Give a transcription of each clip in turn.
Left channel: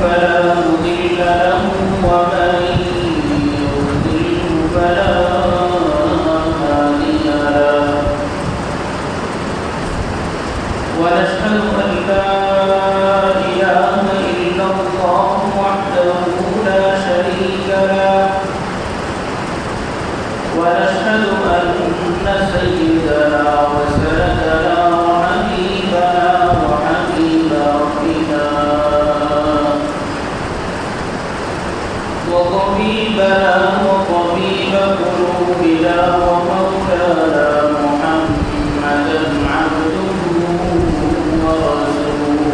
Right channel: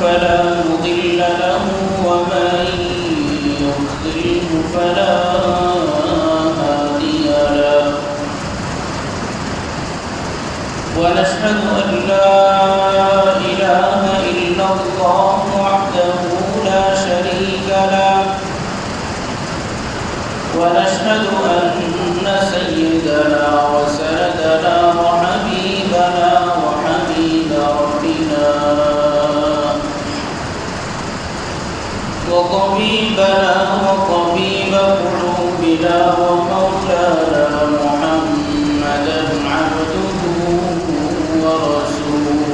فلا مضل له ومن فلا هادي ونشهد أن لا إله إلا الله وحده لا شريك له. ونشهد أن سيدنا ومولانا محمدا عبده ورسوله.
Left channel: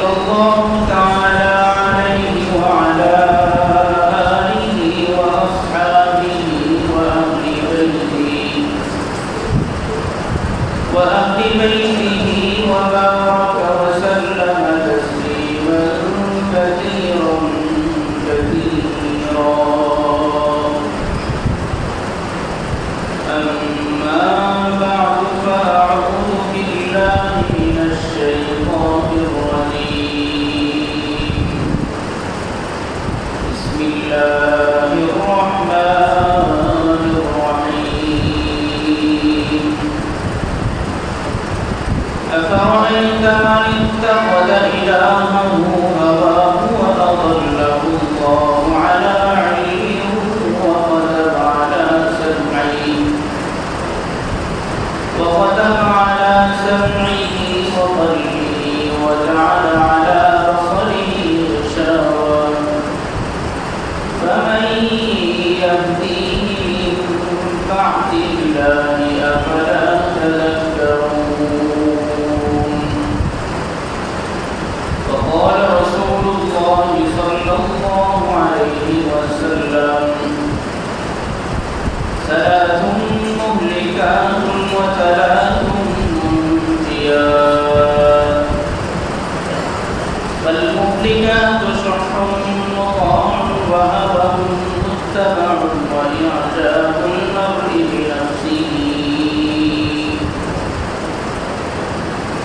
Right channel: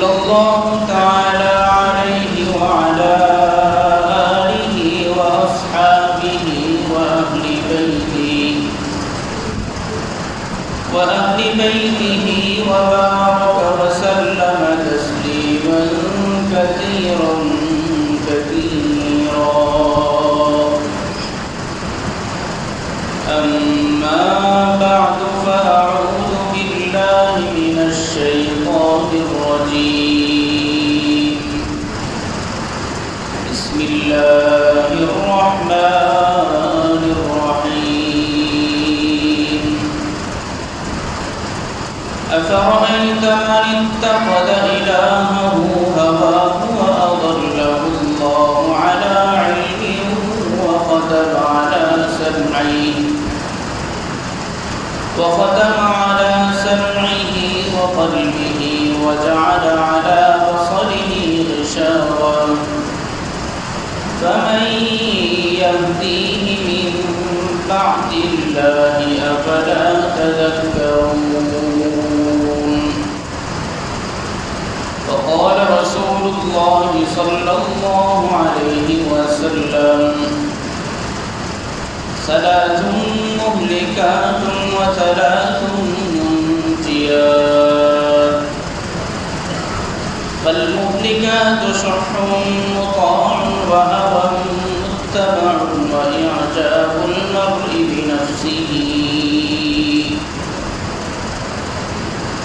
الله تعالى عليه وعلى آله وأصحابه وأهل بيته وأهل بيته وبارك وسلم تسليما كثيرا كثيرا أما بعد فأعوذ بالله من الشيطان الرجيم بسم الله الرحمن الرحيم أفرأيت من اتخذ إلهه هواه وأضله الله على علم وختم على سمعه وختم على سمعه وقلبه وجعل على بصره غشاوة فمن يهديه من بعد الله أفلا تذكرون؟ فقال رسول الله صلى الله عليه وسلم ثلاث مهلكات وثلاث منجيات. فالمهلكات شح مطاع وهوى متبع وإعجاب.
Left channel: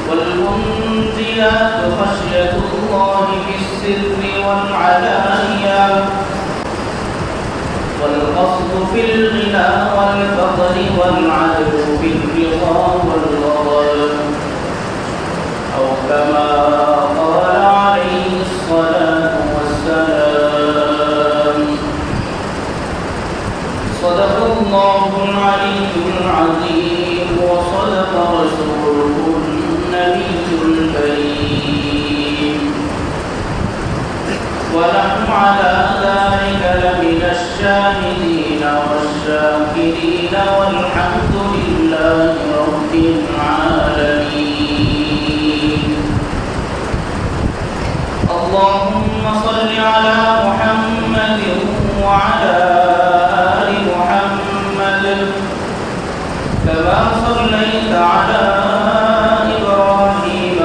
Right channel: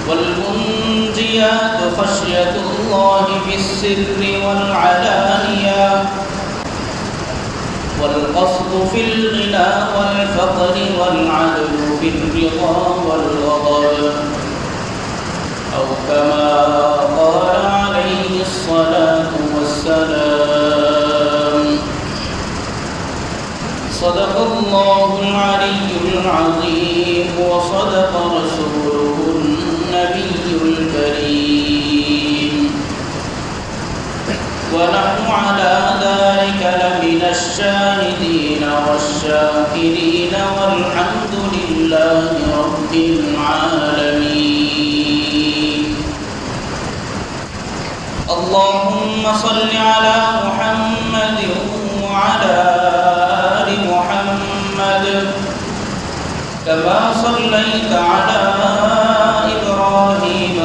والمنجيات خشية الله بالسر والعلانية والقصد في الغنى والفقر والعدل في الرضا والغضب. أو كما قال عليه الصلاة والسلام. صدق الله العلي العظيم وصدق رسوله الكريم. ونحن على ذلك لمن الشاهدين والشاكرين والحمد لله رب العالمين. اللهم صل على محمد وعلى آل محمد كما صليت على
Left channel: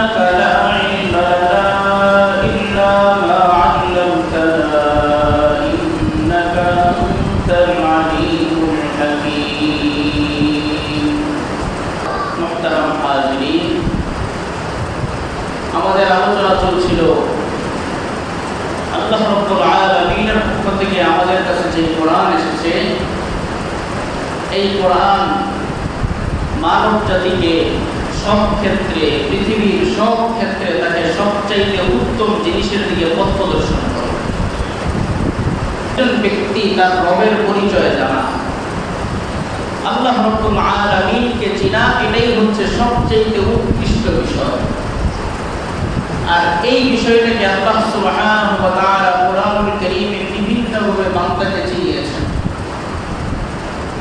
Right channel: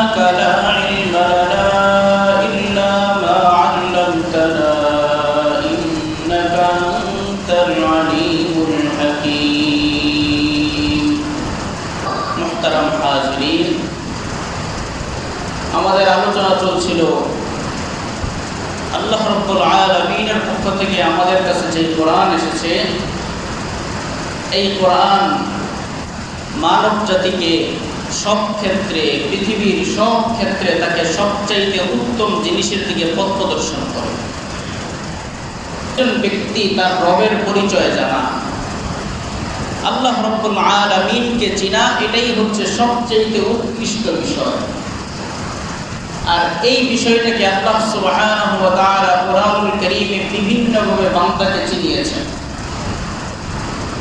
سبحانك لا علم لنا إلا ما علمتنا إنك أنت العليم الحكيم محترم حاضرين আমাদের আলোচনা চলছিল আল্লাহ রব্বুল আলমিনের পক্ষ থেকে আমাদের কাছে যে কোরআন এসেছে এই কোরআন মানব জাতিকে সব ক্ষেত্রে, পৃথিবীর সব ক্ষেত্রে তাকে সবচাইতে উত্তম জিনিসের দিকে পথ প্রদর্শন করে। একজন ব্যক্তি তার রবের পরিচয় জানা। আল্লাহ রব্বুল আলমিনকে চিনা, এটাই হচ্ছে সবচেয়ে উৎকৃষ্ট বিষয়। আর এই বিষয়টাকে আল্লাহ তাআলা কোরআনুল কারীমে বিভিন্নভাবে বান্দাকে চিনিয়েছেন।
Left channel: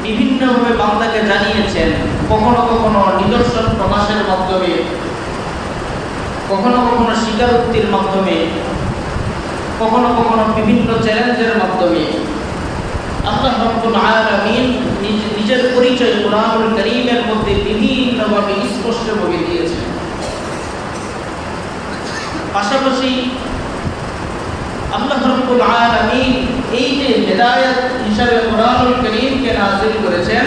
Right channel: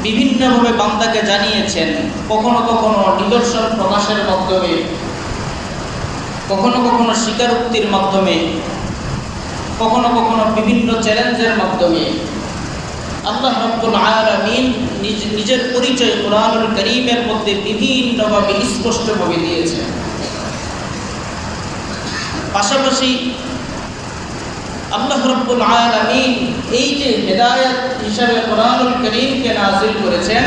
বিভিন্নভাবে বান্দাকে জানিয়েছেন, কখনো কখনো নিদর্শন প্রকাশের মাধ্যমে, কখনো কখনো স্বীকারোক্তির মাধ্যমে, কখনো কখনো বিভিন্ন চ্যালেঞ্জের মাধ্যমে। আল্লাহ রব্বুল আলামিন নিজ, নিজের পরিচয় কোরআনুল করিমের মধ্যে বিভিন্নভাবে স্পষ্টভাবে দিয়েছেন। পাশাপাশি আল্লাহ রব্বুল আলামিন এই যে হেদায়ত হিসাবে কোরআনুল করিমকে নাজিল করেছেন,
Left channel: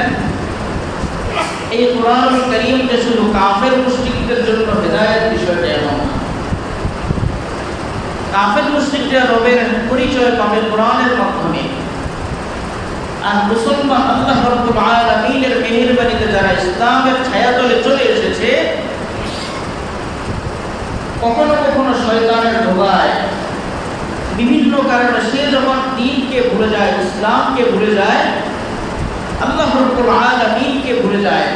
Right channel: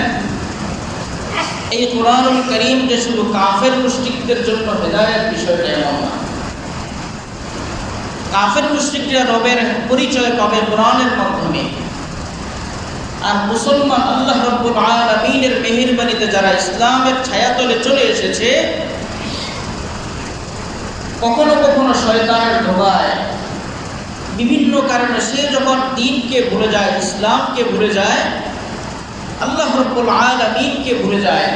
এই কোরআনুল করিম যে শুধু কাফের মুশরিকদের জন্য হেদায়ত বিষয়টা এমন না। কাফের মুশরিকরা রবের পরিচয় পাবে কোরআনের মাধ্যমে। আর মুসলমান আল্লাহ রব্বুল আলামিনের মেহেরবানিতে যারা ইসলামের ছায়াতলে চলে এসেছে, কখনো কখনো শয়তানের ধোগায় বিভিন্ন কারণে সে যখন দিনকে ভুলে যায়, ইসলামকে ভুলে যায়, আল্লাহ রব্বুল আলামিনকে ভুলে যায়,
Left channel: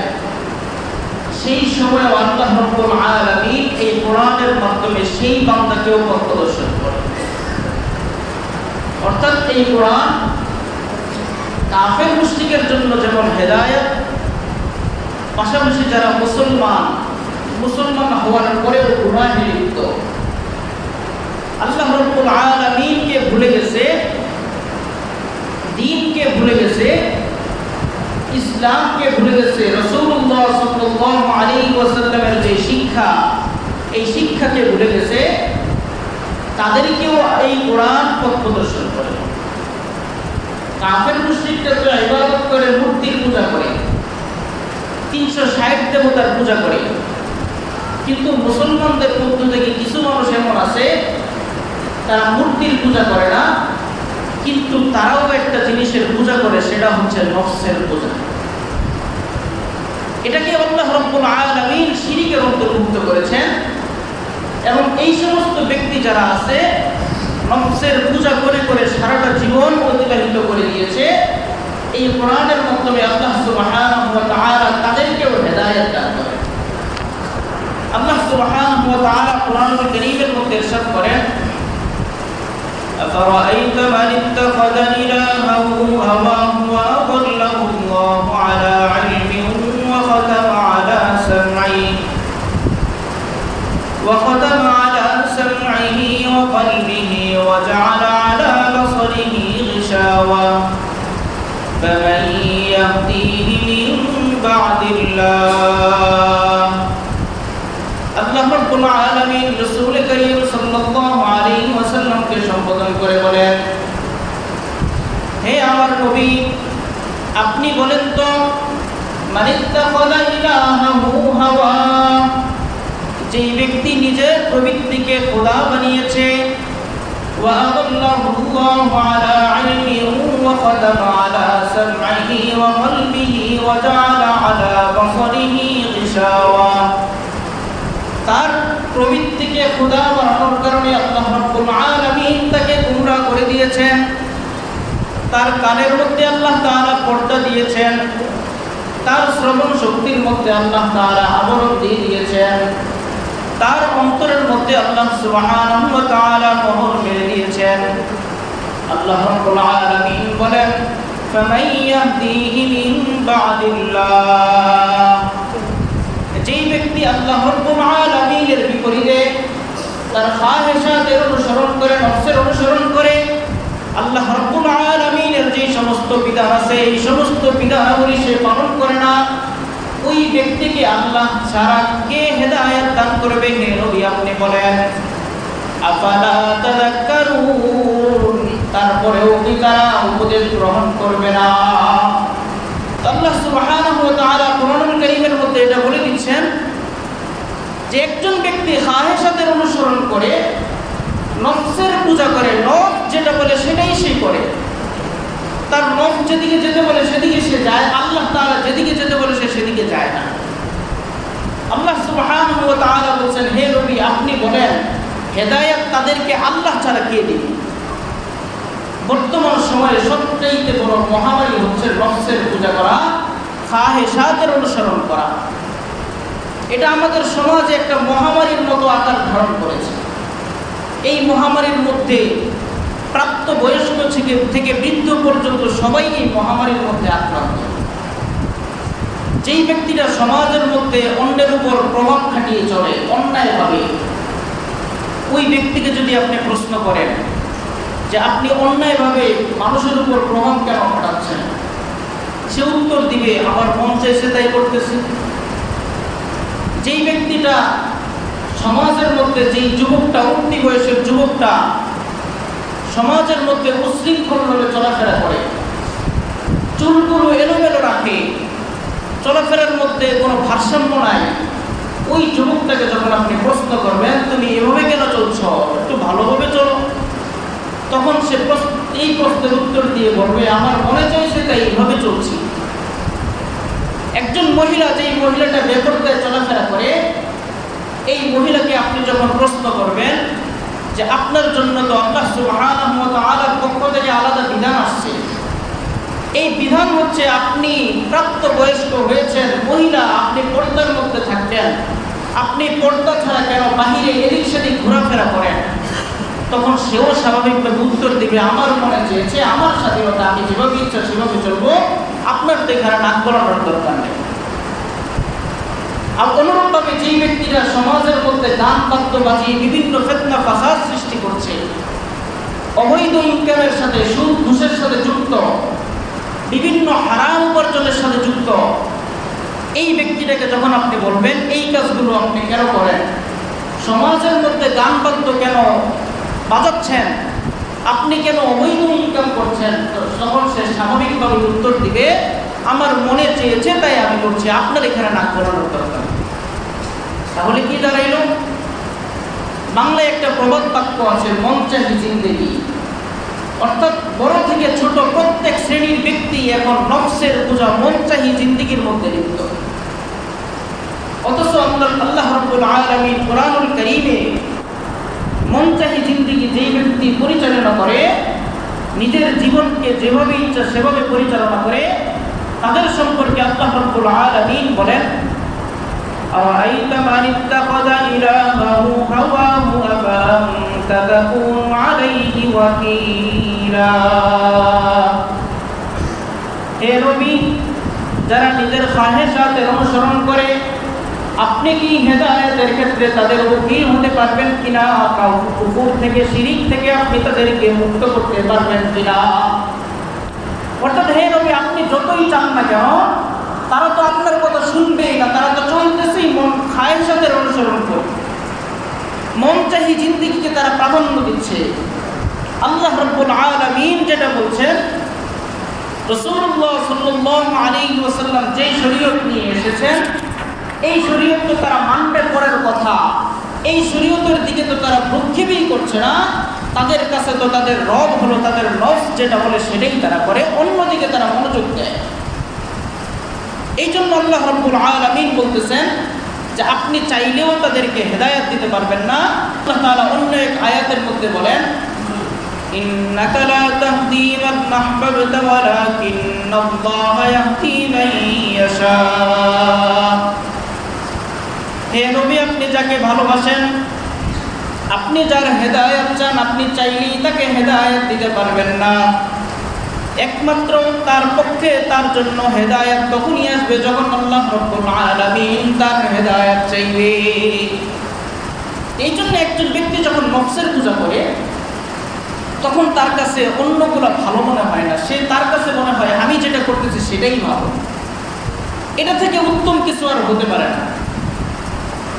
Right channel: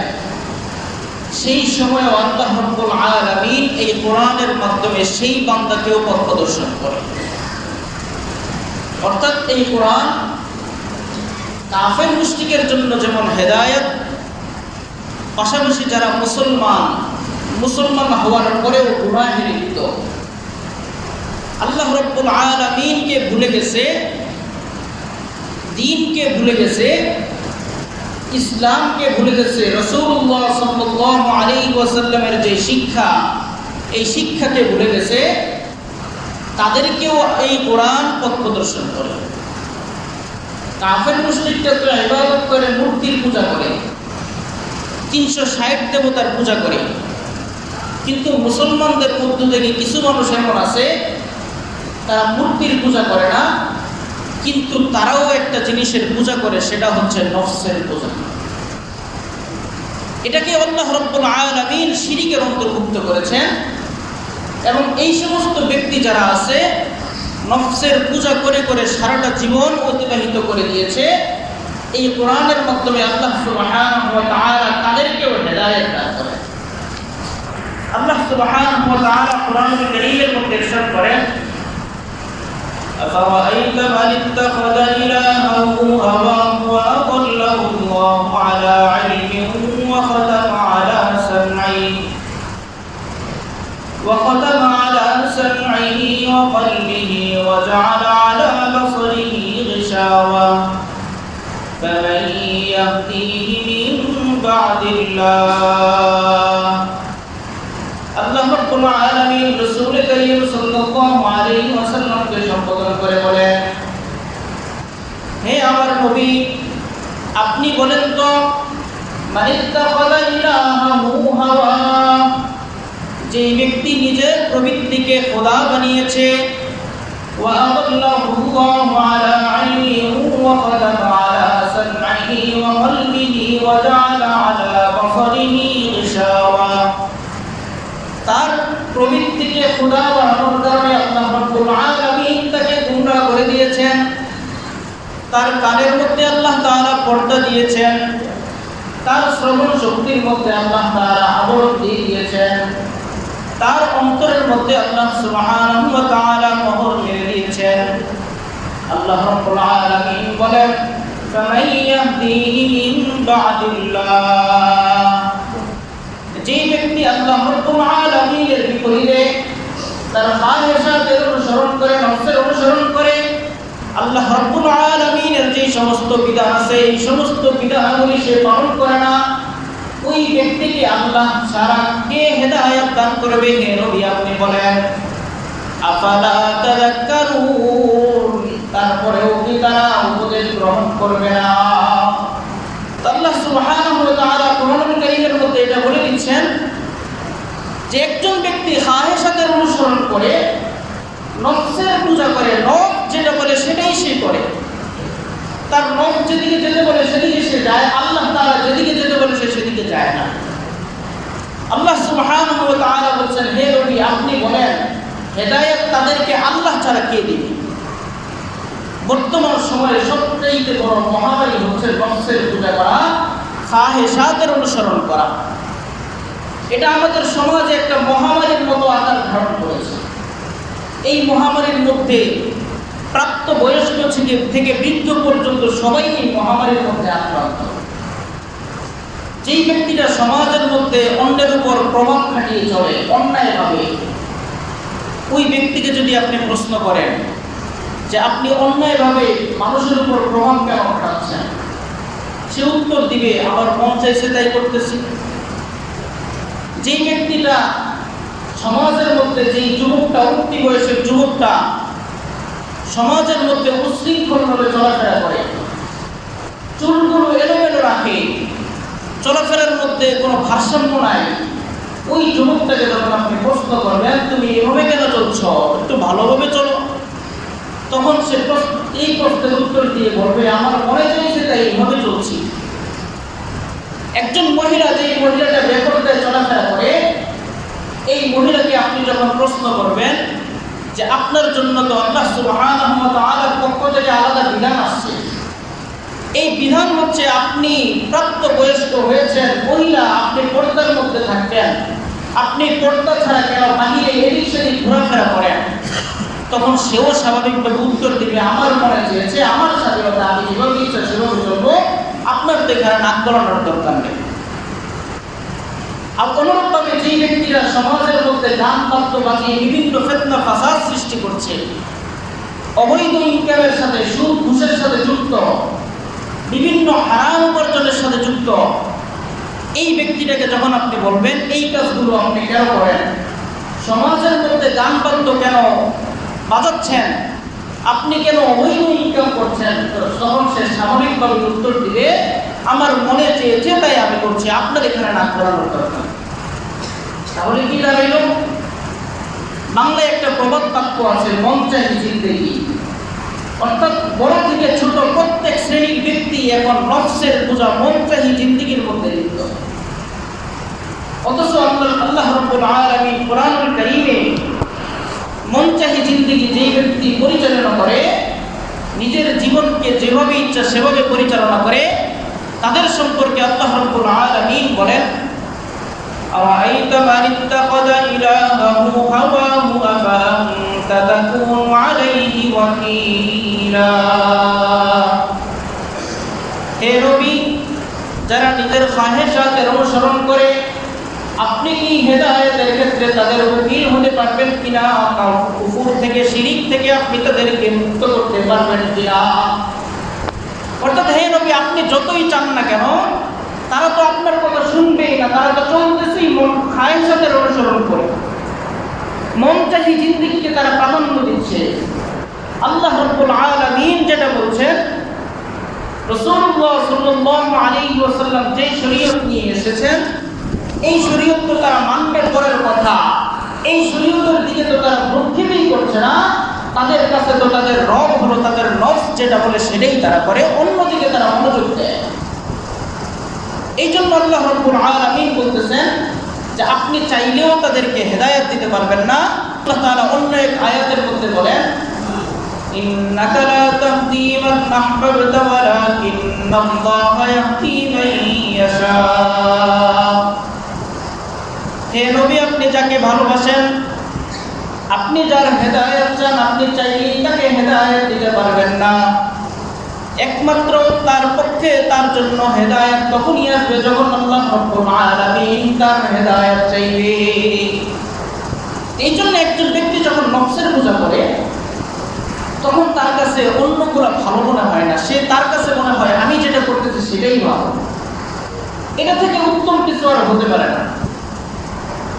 সেই সময় আল্লাহ রব্বুল আলামিন এই কোরআনের মাধ্যমে সেই বান্দাকেও পথ প্রদর্শন করে। অর্থাৎ এই কোরআন কাফের মুশরিকের জন্য যেমন হেদায়েত, পাশাপাশি যারা মুসলমান মুসলমান হওয়ার পরেও গুনাহে লিপ্ত। আল্লাহ রব্বুল আলামিনকে ভুলে গেছে, দিনকে ভুলে গেছে, ইসলামকে ভুলে গেছে। রসুল্লাহ সাল্লাল্লাহু আলাইহি ওয়াসাল্লামের যে শিক্ষা, এই শিক্ষাকে ভুলে গেছে, তাদেরকেও এই কোরআন পথ প্রদর্শন করে। কাফের মুসলিমটা তো ইবাদত করে, মূর্তির পূজা করে, তিনশো ষাট দেবতার পূজা করে। কিন্তু মুসলমানদের মধ্য থেকে কিছু মানুষ এমন আছে তারা মূর্তির পূজা করে না, কিন্তু তারাও একটা জিনিসের পূজা করে, সেটা হচ্ছে নফসের পূজা। এটাকে আল্লাহ রব্বুল আলামিন শিরিকের অন্তর্ভুক্ত করেছেন, এবং এই সমস্ত ব্যক্তি যারা আছে, নফসের পূজা করে করে সারাটা জীবন অতিবাহিত করে দিয়েছে, এই কোরআনের মাধ্যমে আল্লাহ তাদেরকেও হেদায়েত দান করে আল্লাহ কারীমের মধ্যে করেন أفرأيت من اتخذ إلهه هواه وأضله الله على علم وختم على سمعه؟ وختم على سمعه وقلبه وجعل على بصره غشاوة. فمن يهديه من بعد الله রাব্বুল আলামিন রাসূল করিম সাল্লাল্লাহু আলাইহি ওয়াসাল্লামকে সম্বোধন করে বলেন হে আমার নবী আপনি বলেন তো মানিত্তাখাযা ইলাহাহু হাওয়া যে ব্যক্তি নিজের প্রবৃত্তিকে খোদা বানিয়েছে وأضله الله على علمه وختم على سمعه وقلبه وجعل على بصره غشاوة তার প্রবৃত্তিকে খুদা বানানোর কারণে আল্লাহ রব্বুল আলামিন তাকে গুমরা করে দিয়েছেন। তার কানের মধ্যে আল্লাহ তাআলা পর্দা দিয়েছেন। তার শ্রবণ শক্তির মধ্যে আল্লাহ তাআলা আবরণ দিয়ে দিয়েছেন। তার অন্তরের মধ্যে আল্লাহ সুবহানাহু ওয়া তাআলা মোহর মেরে দিয়েছেন। আল্লাহ রব্বুল আলামিন বলেন, ফামাইয়াহদিহি মিন বাদিল্লাহ। যেই ব্যক্তি আল্লাহ রব্বুল বিপরীতে তার খাহেশাতের অনুসরণ করে, নফসের অনুসরণ করে, আল্লাহ রব্বুল আলামিনের যে সমস্ত বিধান আছে, এই সমস্ত বিধানগুলি সে পালন করে না। ওই ব্যক্তিকে আল্লাহ সারা কে হেদায়েত দান করবে হে আপনি বলেন। তারপরেও কি তারা উপদেশ গ্রহণ করবে না? আল্লাহ সুবহানাহু মধ্যে এটা বলে দিচ্ছেন যে একজন ব্যক্তি হাহেসাদের অনুসরণ করে নফসের পূজা করে, নফ যেটা বলে সেটাই সে করে। তার নফ যেদিকে যেতে বলে সেদিকে সে যায়, আল্লাহ তাআলা যেদিকে যেতে বলে সে সেদিকে যায় না। আল্লাহ তাআলা বলছেন, হে নবী আপনি বলেন, হেদায়েত তাদেরকে আল্লাহ ছাড়া কে দিবে? বর্তমান সময়ে সবচেয়ে বড় মহামারী হচ্ছে নফসের পূজা করা খাহেসাদের অনুসরণ করা। এটা আমাদের সমাজে একটা মহামারীর মতো আকার ধারণ করেছে। এই মহামারীর মধ্যে প্রাপ্ত বয়স্ক থেকে থেকে বৃদ্ধ পর্যন্ত সবাই এই মহামারীর মধ্যে আক্রান্ত। যেই ব্যক্তিরা সমাজের মধ্যে অন্যের উপর প্রভাব খাটিয়ে চলে, অন্যায়ভাবে, ওই ব্যক্তিকে যদি আপনি প্রশ্ন করেন যে আপনি অন্যায়ভাবে মানুষের উপর প্রভাব কেন খাটাচ্ছেন? সে উত্তর দিবে, আমার মন চাইছে তাই করতেছি। যেই ব্যক্তিটা সমাজের মধ্যে যেই যুবকটা উক্তি বয়সের যুবকটা সমাজের মধ্যে উশৃঙ্খলভাবে চলাফেরা করে, চুলগুলো এলোমেলো রাখে, চলাফেরার মধ্যে কোনো ভারসাম্য নাই, ওই যুবকটাকে যখন আপনি প্রশ্ন করবেন, তুমি এভাবে কেন চলছ? একটু ভালোভাবে চলো। তখন সে এই প্রশ্নের উত্তর দিয়ে বলবে, আমার মনে চাইছে তাই এইভাবে চলছি। একজন মহিলা যে মহিলাটা বেপরদায় চলাফেরা করে, এই মহিলাকে আপনি যখন প্রশ্ন করবেন যে আপনার জন্য তো আল্লাহ ওয়া তাআলার পক্ষ থেকে আলাদা বিধান আসছে। এই বিধান হচ্ছে আপনি প্রাপ্ত বয়স্ক হয়েছেন, মহিলা, আপনি পর্দার মধ্যে থাকতেন। আপনি পর্দা ছাড়া কেন বাহিরে এদিক সেদিক ঘোরাফেরা করেন? তখন সেও স্বাভাবিকভাবে উত্তর দিবে, আমার মনে চেয়েছে, আমার স্বাধীনতা, আমি যেভাবে ইচ্ছা সেভাবে চলবো। আপনার এখানে নাক গলানোর দরকার নেই। আর অনুরূপভাবে যেই ব্যক্তিরা সমাজের মধ্যে গান বাদ্য বাজিয়ে বিভিন্ন ফেতনা ফাসাদ সৃষ্টি করছে, অবৈধ ইনকামের সাথে, সুদ, ঘুষের সাথে যুক্ত, বিভিন্ন হারাম উপার্জনের সাথে যুক্ত, এই ব্যক্তিটাকে যখন আপনি বলবেন, এই কাজগুলো আপনি কেন করেন? সমাজের মধ্যে গান বাদ্য কেন বাজাচ্ছেন? আপনি কেন অবৈধ ইনকাম করছেন তখন সে স্বাভাবিকভাবে উত্তর দিবে। আমার মনে চেয়েছে, তাই আমি করছি আপনার এখানে নাক গলানোর দরকার। তাহলে কি দাঁড়াইল? বাংলায় একটা প্রবাদ বাক্য আছে, মন চাহি জিন্দেগি। অর্থাৎ বড় থেকে ছোট প্রত্যেক শ্রেণির ব্যক্তি এখন নফসের পূজা মন চাহি জিন্দিগির মধ্যে লিপ্ত। অথচ আল্লাহ আল্লাহ রব্বুল আলামিন কোরআনুল কারীমে মন চাহি জিন্দিগি যেই ব্যক্তি পরিচালনা করে নিজের জীবনকে যেভাবে ইচ্ছা সেভাবে পরিচালনা করে তাদের সম্পর্কে আল্লাহ রব্বুল আলামিন বলেন أرأيت من اتخذ إلهه هواه أفأنت تكون عليه وكيلا হে নবী যারা নিজের খাহেশাতের অনুসরণ করে আপনি কি হেদায়েতের ক্ষেত্রে তাদের উকিল হতে পারবেন কিনা? কুফুর থেকে, শিরিক থেকে আপনি তাদেরকে মুক্ত করতে পারবেন কিনা? অর্থাৎ হে নবী, আপনি যতই চান না কেন, তারা তো আপনার কথা শুনবেই না, তারা তো চলতেছেই মন খায়েশাতের অনুসরণ করে। মন চাহি জিন্দিগিকে তারা প্রাধান্য দিচ্ছে। আল্লাহ রব্বুল আলামিন যেটা বলছেন রসুল্লাহ সাল্লাহ আলী ওসাল্লাম যে শরীয়ত নিয়ে এসেছেন এই শরীয়ত তো তারা মানবে পরের কথা এই শরীয়তের দিকে তো তারা ভ্রক্ষেপই করছে না তাদের কাছে তো তাদের রব হলো তাদের নফ যেটা বলে সেটাই তারা করে অন্যদিকে তারা মনোযোগ দেয় এই জন্য আল্লাহ রব্বুল আলমিন বলতেছেন যে আপনি চাইলেও তাদেরকে হেদায়ত দিতে পারবেন না আল্লাহ তাআলা অন্য এক আয়াতের মধ্যে বলেন إنك لا تهدي من أحببت ولكن الله يهدي من يشاء হে নবী, আপনি যাকে ভালোবাসেন, আপনি যার হেদায়েত চান, আপনি চাইলেই তাকে হেদায়েত দিতে পারবেন না। একমাত্র তার পক্ষে, তার জন্য হেদায়ত তখনই আসবে যখন আল্লাহ তার হেদায়েত চাইবে। এই জন্য একজন ব্যক্তি যখন নফসের পূজা করে তখন তার কাছে অন্যগুলো ভালো মনে হয় না। সে তার কাছে মনে হয়, আমি যেটা করতেছি সেটাই ভালো। এটা থেকে উত্তম কিছু আর হতে পারে না।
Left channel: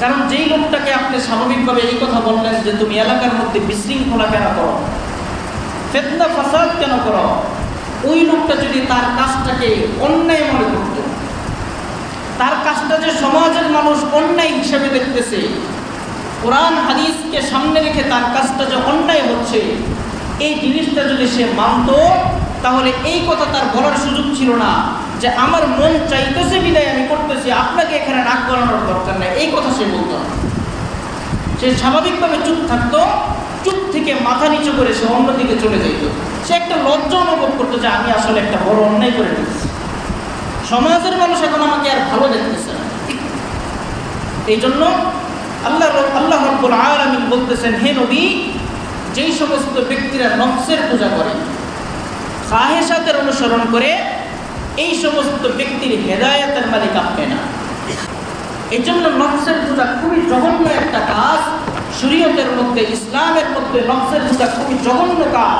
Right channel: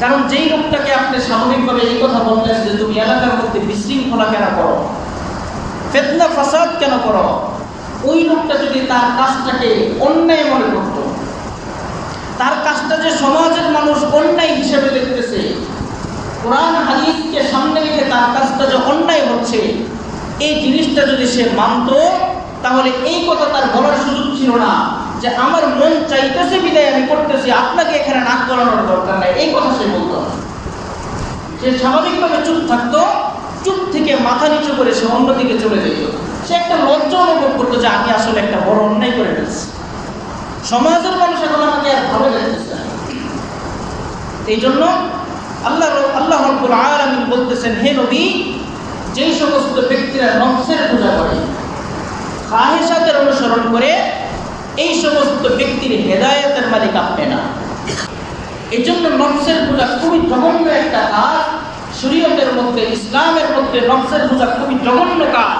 কারণ যেই লোকটাকে আপনি স্বাভাবিকভাবে এই কথা বললেন যে তুমি এলাকার মধ্যে বিশৃঙ্খলা কেন করো? ফেতনা, ফাসাদ কেন করো? ওই লোকটা যদি তার কাজটাকে অন্যায় মনে করত, তার কাজটা যে সমাজের মানুষ অন্যায় হিসেবে দেখতেছে, কোরআন, হাদিসকে সামনে রেখে তার কাজটা যে অন্যায় হচ্ছে, এই জিনিসটা যদি সে মানত, তাহলে এই কথা তার বলার সুযোগ ছিল না। যে আমার মন চাইতেছে বিদায় আমি করতেছি, আপনাকে এখানে নাক গলানোর দরকার নাই। এই কথা সে বলতো সে স্বাভাবিকভাবে চুপ থাকতো, চুপ থেকে মাথা নিচু করে সে অন্যদিকে চলে যেত। সে একটা লজ্জা অনুভব করতো যে আমি আসলে একটা বড় অন্যায় করে ফেলছি। সমাজের মানুষ এখন আমাকে আর ভালো দেখতেছে না। এই জন্য আল্লাহ আল্লাহ রব্বুল আলামিন বলতেছেন, হে নবী, যেই সমস্ত ব্যক্তিরা নফসের পূজা করে সাহেসাদের অনুসরণ করে এই সমস্ত ব্যক্তির হেদায়েতের মালিক আপনি না এই জন্য নফসের পূজা খুবই জঘন্য একটা কাজ শরীয়তের মধ্যে ইসলামের মধ্যে নফসের পূজা খুবই জঘন্য কাজ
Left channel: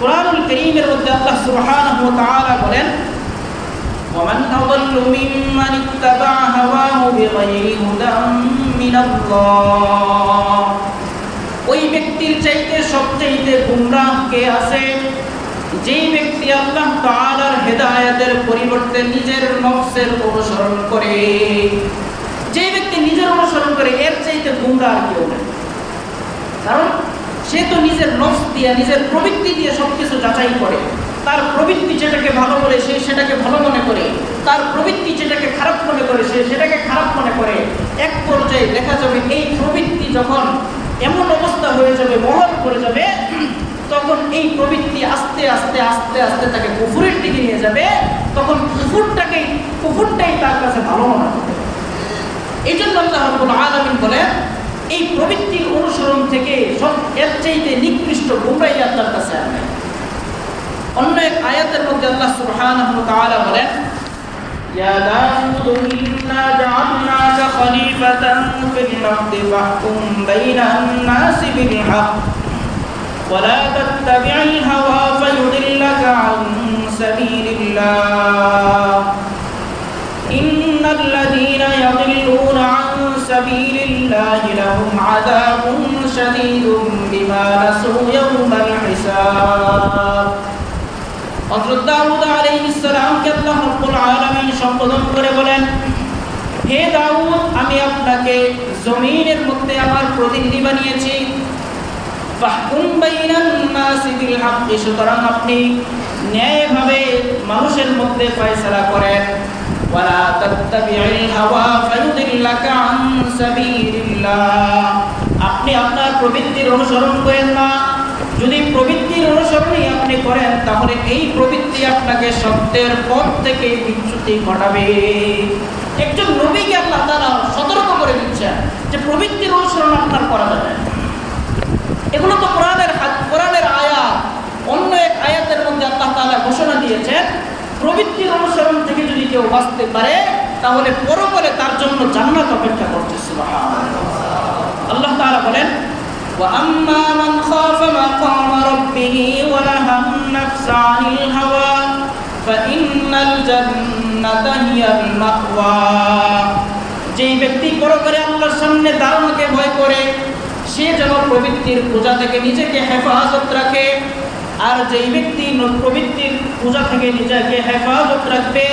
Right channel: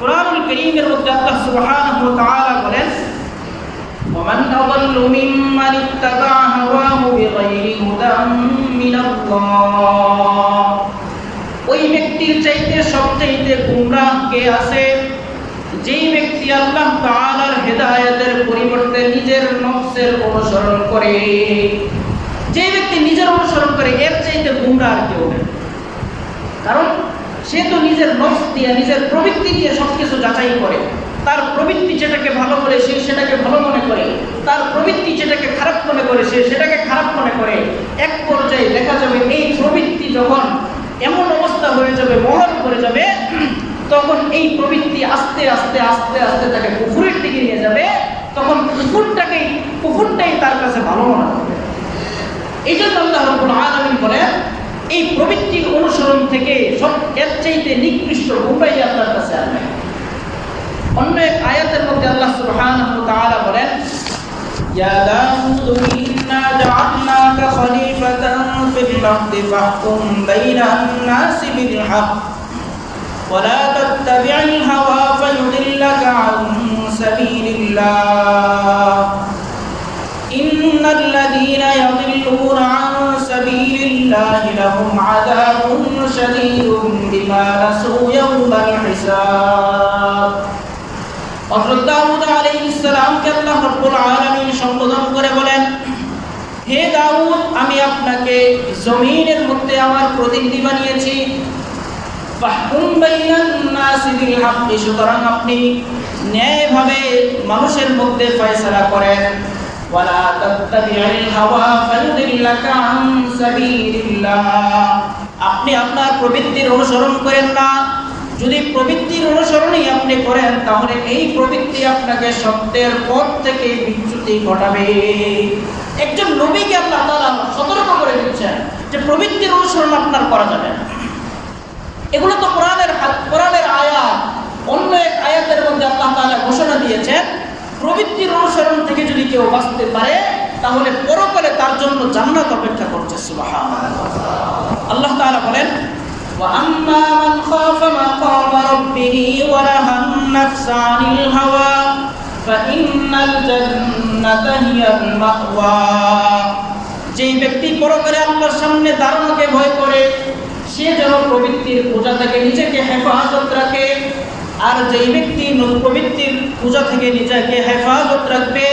কোরআনুল করিমের মধ্যে আল্লাহ সুবহানাহু ওয়া তাআলা বলেন ومن أضل ممن اتبع هواه بغير هدى من الله ওই ব্যক্তির চাইতে সবচাইতে গুমরাহ কে আছে যেই ব্যক্তি আল্লাহ তাআলার হেদায়েতের পরিবর্তে নিজের নফসের অনুসরণ করে যে ব্যক্তি নিজের অনুসরণ করে, এর চাইতে গুমরাহ আর কেউ নেই। কারণ সে তো নিজের নফস দিয়ে, নিজের প্রবৃত্তি দিয়ে সব কিছু যাচাই করে। তার প্রবৃত্তি যেটাকে ভালো বলে, সে সেটাকে ভালো মনে করে। তার প্রবৃত্তি যেটাকে খারাপ মনে করে, সে সেটাকে খারাপ মনে করে। এক পর্যায়ে দেখা যাবে, এই প্রবৃত্তি যখন এমন অবস্থা হয়ে যাবে, মহর করে যাবে তখন এই প্রবৃত্তি আস্তে আস্তে আস্তে আস্তে তাকে কুফুরের দিকে নিয়ে যাবে তখন কুফুরটাকেই কুফুরটাই তার কাছে ভালো মনে হবে এই জন্য আল্লাহ রব্বুল আলামিন বলেন এই প্রবৃত্তির অনুসরণ থেকে সব এর চাইতে নিকৃষ্ট গুমরাই আপনার কাছে আর নাই অন্য এক আয়াতের মধ্যে আল্লাহ সুবহানাহু ওয়া তাআলা বলেন يا داود إنا جعلناك خليفة في الأرض فاحكم بين الناس بالحق ولا تتبع الهوى فيضلك عن سبيل الله إن الذين يضلون عن سبيل الله لهم عذاب شديد بما نسوا يوم الحساب হযরত দাউদ আলাইহিস সালামকে আল্লাহ রাব্বুল আলামিন সম্বোধন করে বলেন হে দাউদ আমি আপনাকে জমিনের মধ্যে আমার প্রতিনিধি বানিয়েছি সুতরাং আপনি ন্যায়ভাবে মানুষের মধ্যে ফয়সালা করেন। আপনি আপনার প্রবৃত্তির অনুসরণ করেন না। যদি প্রবৃত্তির অনুসরণই আপনি করেন, তাহলে এই প্রবৃত্তি আপনাকে সত্যের পথ থেকে বিচ্যুতি ঘটাবে। একজন নবীকে আল্লাহ তারা সতর্ক করে দিচ্ছেন যে প্রবৃত্তির অনুসরণ আপনার করা যাবে। এগুলো তো কোরআনের হাত- কোরআনের আয়াত অন্য এক আয়াতের মধ্যে আল্লাহ তাআলা ঘোষণা দিয়েছেন প্রবৃত্তির অনুসরণ থেকে যদি কেউ বাঁচতে পারে তাহলে পরকালে তার জন্য জান্নাত অপেক্ষা করছে সুবহানাল্লাহ আল্লাহ তাআলা বলেন وأما من خاف مقام ربه ونهى النفس عن الهوى فإن الجنة هي المأوى যেই ব্যক্তি পরকালে আল্লাহর সামনে দাঁড়ানোকে ভয় করে সে যেন প্রবৃত্তির পূজা থেকে নিজেকে হেফাজত রাখে। আর যেই ব্যক্তি প্রবৃত্তির পূজা থেকে নিজেকে হেফাজত রাখবে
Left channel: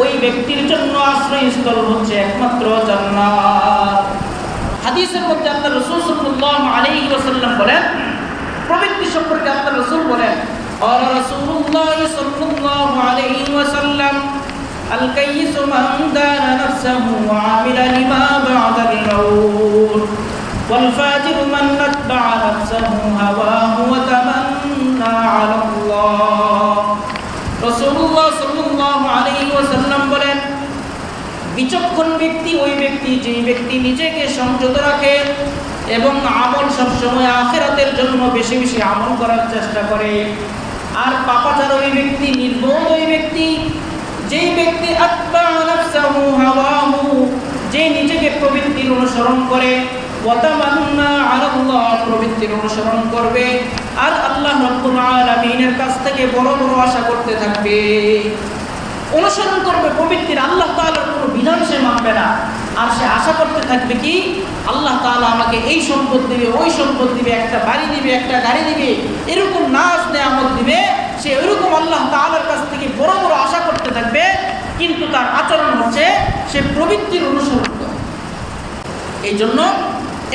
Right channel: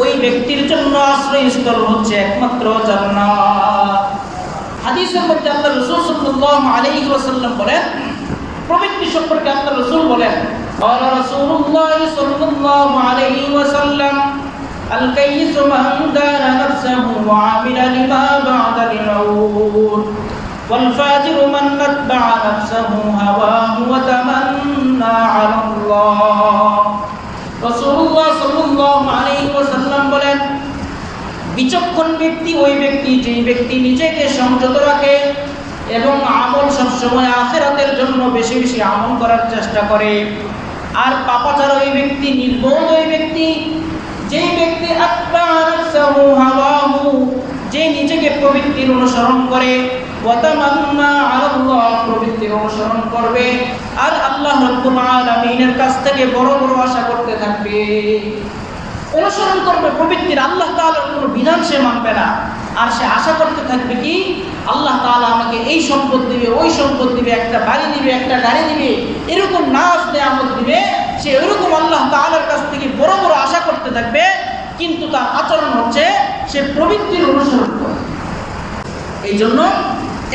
ওই ব্যক্তির জন্য আশ্রয়স্থল হচ্ছে একমাত্র জন্না হাদিসের মধ্যে আপনার রসুল সাল্লাম আলী ওসাল্লাম বলেন, প্রবৃত্তি সম্পর্কে আপনার রসুল বলেন রসুল্লাহ সাল্লাম আলী ওসাল্লাম الكيس من دان نفسه وعمل لما بعد الموت والفاجر من اتبع نفسه هواه وتمنى على الله رسول الله صلى الله عليه وسلم বলেন বিচক্ষণ ব্যক্তি ওই ব্যক্তি যেই ব্যক্তি নিজেকে সংযত রাখে এবং আমল সবসময় আখেরাতের জন্য বেশি বেশি আমল করার চেষ্টা করে আর পাপাচার ওই ব্যক্তি নির্বোধ ওই ব্যক্তি যেই ব্যক্তি আত্মা নাফসাহু যে নিজেকে প্রবৃত্তির অনুসরণ করে, ওয়াতামান্না আলাল্লাহ প্রবৃত্তির অনুসরণ করবে, আর আল্লাহ রাব্বুল আলামিনের কাছ থেকে বড় বড় আশা করতে থাকবে। অনুসরণ করবে প্রবৃত্তির আল্লাহ তাআলার কোনো বিধান সে মানবে না। আর সে আশা করতে থাকবে কি? আল্লাহ তাআলা আমাকে এই সম্পদ দিবে, ওই সম্পদ দিবে, একটা বাড়ি দিবে, একটা গাড়ি দিবে, এরকম না আসলে দিবে সে ওইরকম আল্লাহ তাআলার কাছ থেকে বড় বড় আশা করতে থাকবে, কিন্তু তার আচরণ হচ্ছে সে প্রবৃত্তির অনুসরণ করে। এই জন্য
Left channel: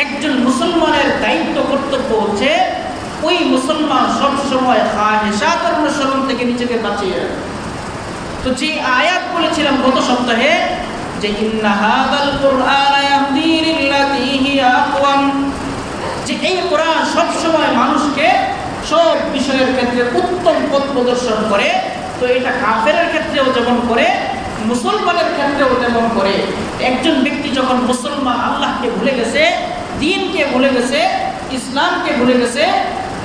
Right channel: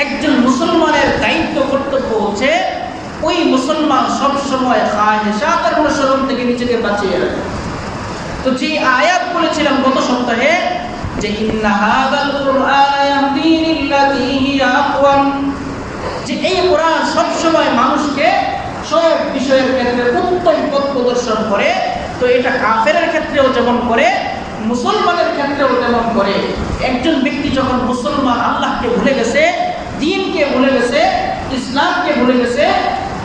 একজন মুসলমানের দায়িত্ব, কর্তব্য হচ্ছে ওই মুসলমান সবসময় খাহেসাতের অনুসরণ থেকে নিজেকে বাঁচিয়ে রাখে। তো যে আয়াত বলেছিলাম গত সপ্তাহে যে যে এই কোরআন সবসময় মানুষকে সব বিষয়ের ক্ষেত্রে উত্তম পথ প্রদর্শন করে, তো এটা কাফেরের ক্ষেত্রেও যেমন করে, মুসলমানের ক্ষেত্রেও যেমন করে। একজন ব্যক্তি যখন মুসলমান আল্লাহকে ভুলে গেছে, দিনকে ভুলে গেছে, ইসলামকে ভুলে গেছে,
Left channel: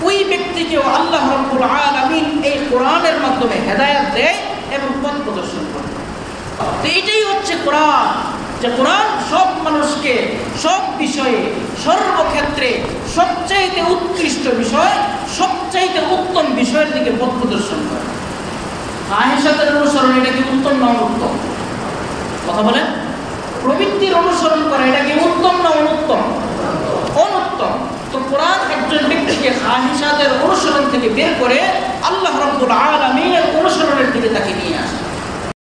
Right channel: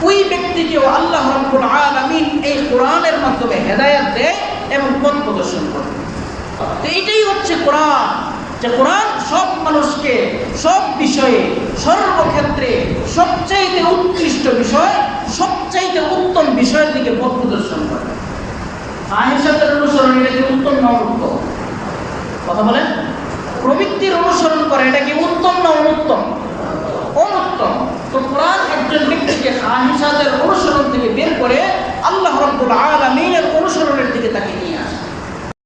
ওই ব্যক্তিকেও আল্লাহ রব্বুল আলামিন এই কোরআনের মাধ্যমে হেদায়েত দেয় এবং পথ প্রদর্শন করে। তো এটাই হচ্ছে কোরআন। যে কোরআন সব মানুষকে, সব বিষয়ে সর্বক্ষেত্রে সবচাইতে উৎকৃষ্ট বিষয় সবচাইতে উত্তম বিষয়ের দিকে পথ প্রদর্শন করে। আহেসাতের অনুসরণ এটা কি উত্তম না অনুত্তম? কথা বলেন প্রবৃত্তির অনুসরণ করা এটা কি উত্তম না অনুত্তম? অনুত্তম। তো কোরআন একজন ব্যক্তিকে খাহিসাতের অনুসরণ থেকে বের করে আল্লাহ রব্বুল